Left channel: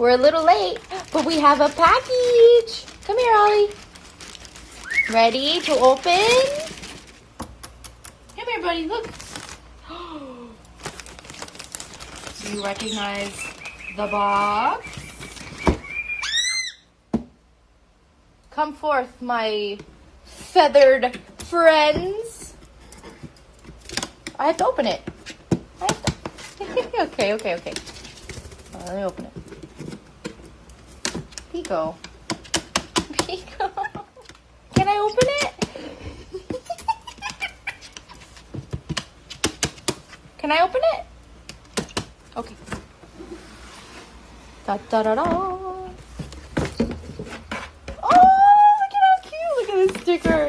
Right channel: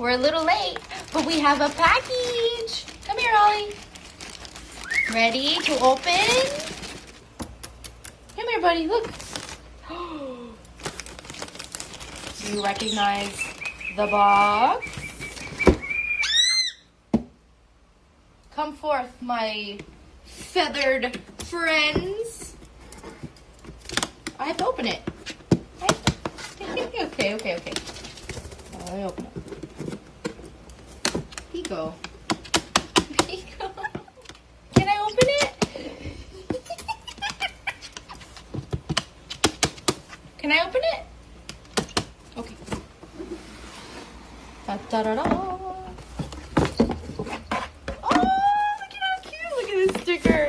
We're a little late, but we have a package. Come here, Ollie. Ready to open? Come here, buddy. Look. Do you recognize the box? Come forth, my feathered friends. I have to open it. Okay. Let me open it. Here you go. Can I open it? Can I open it? Okay. Da-da-da-da. Oh, look at how cute. Look at this sticker.